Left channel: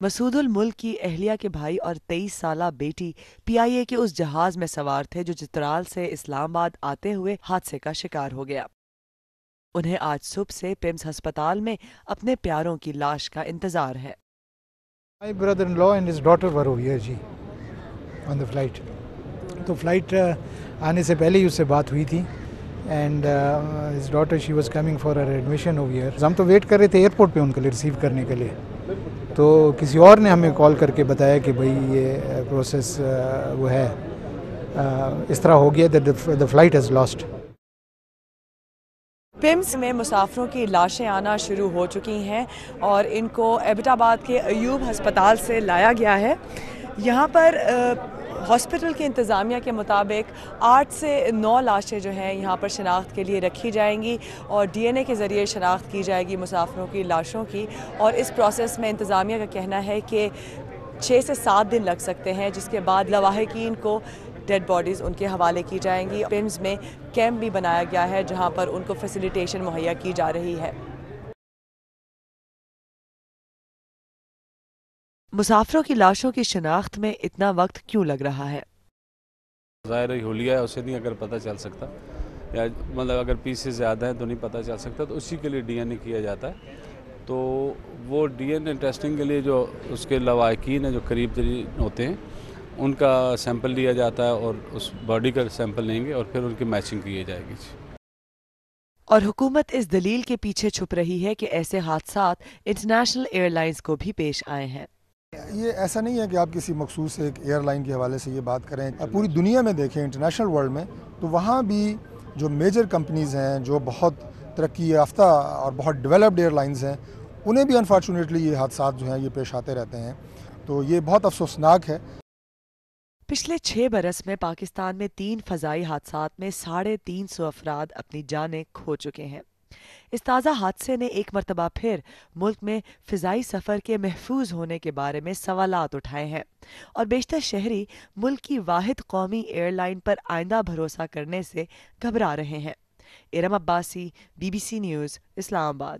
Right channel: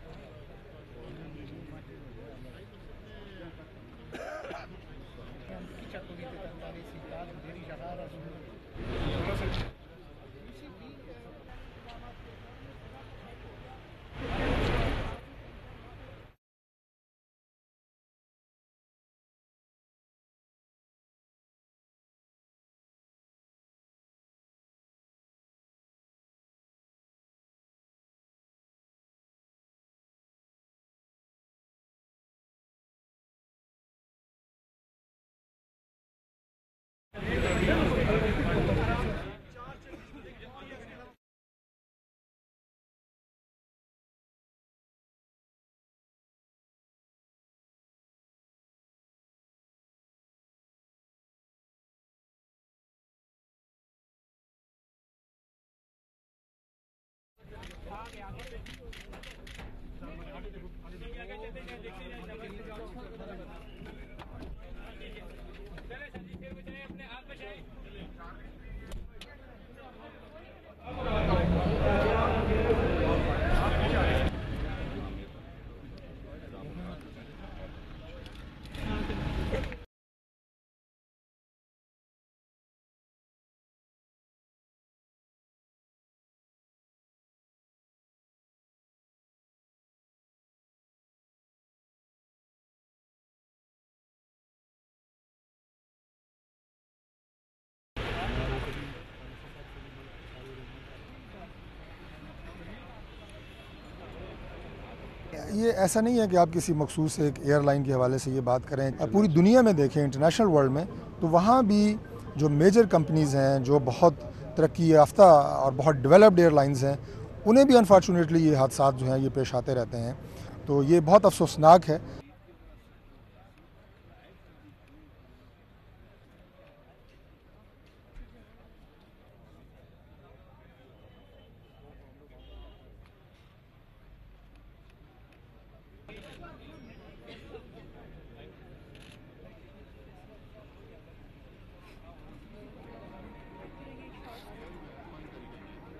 مسعود الملک کی اہلیہ کے بھائی اور 23 سالہ بیٹی PIA کے اس جہاز میں سوار تھے جو چترال سے اسلام آباد آتے ہوئے حادثے کا شکار ہو گیا۔ انہیں آج صبح سے پیمز ہسپتال میں اپنے پیاروں کی لاش کا انتظار ہے۔ My brother-in-law and his daughter were over here جی on the flight. تو فلائٹ آنے سے پہلے ہی اس سے بات ہوئی تھی and his daughter she was coming for her admission over here. ہم تو ویٹ کر رہے تھے ایئرپورٹ پہ ان کے لیے ریسیو کرنے کے لیے، تو کسی اور نے ہمیں کال کر کے بتایا کہ بھئی یہ پروسیس وہ ہے اس طرح ہو گیا that the flight has lost. پیمز میں مسافروں کی لاشیں آنا شروع ہو چکی ہیں اور ان کو ایبٹ آباد کے ایوب ہسپتال سے لایا گیا ہے۔ یہاں پر ہاسپٹل کے انتظامیہ کے مطابق 8 سے 9 لاشیں جو ہیں یہاں پر شناخت کے لیے رکھی جائیں گی اور DNA کے ذریعے شناخت کی جائے گی مسافروں کی لاشوں کی، اور اس پروسیس میں انتظامیہ کا کہنا ہے کہ 6 سے 7 دن لگ سکتے ہیں، جس کے بعد لواحقین کو ڈیڈ باڈیز ان کے حوالے کی جائیں گی۔ پیمز میں کیمپ بھی بنایا گیا ہے جہاں پر ان کو فیسیلیٹیشن مہیا کی جا رہی ہے۔ مسافروں کی لاشوں کی شناخت میں اتنا وقت کیوں لگ رہا ہے؟ ظاہر ہے حلیہ ہے، اسے نہیں اگر پتہ چل سکتا، یا مطلب اگر پیسز زیادہ ہیں تو نہیں پتہ چل سکتا، تو اسی کے لیے DNA کیا جاتا ہے۔ تو وہ DNA ٹیسٹنگ کے لیے جو اس کے لواحقین ہیں جو قریب ترین ہوتے ہیں ان کا سیمپل لیا جاتا ہے اور اس باڈی کا سیمپل لیں گے اور پھر ان کی میچنگ کی جائے گی۔ اور حکومت اس دلیل کے پیچھے چھپ رہی ہے کہ ایسے حادثات انٹرنیشنل ایئر لائنز کو بھی پیش آئے ہیں۔ یہ ایسا نہیں ہے کہ آپ کسی مخصوص ایک ایئر لائن کے حوالے سے یہ بات کریں، پوری دنیا میں دیکھیں انٹرنیشنل ورلڈ میں، تو وہاں بھی جو میجر کمپنیز ہیں جو بہت ترقی یافتہ اور بہت ڈیولپڈ ایئر لائنز ہیں، انہیں بھی انفارچونیٹلی یہ حادثات جو ہیں یہ پیش آتے رہتے ہیں، تو یہ بہت افسوسناک ہے۔ پچھلے 6 برس میں پاکستان میں 3 فضائی حادثات میں 350 افراد اپنی جانیں کھو چکے ہیں۔ اس تازہ حادثے نے ایک مرتبہ پھر ملک میں فضائی سفر کے محفوظ ہونے کے بارے میں سوالات اٹھائے ہیں اور بیشتر شہری ملک کی واحد قومی ایئر لائن پر آئندہ بھروسہ کرنے سے گھبرا رہے ہیں۔ ارم عباسی، BBC نیوز، اسلام آباد۔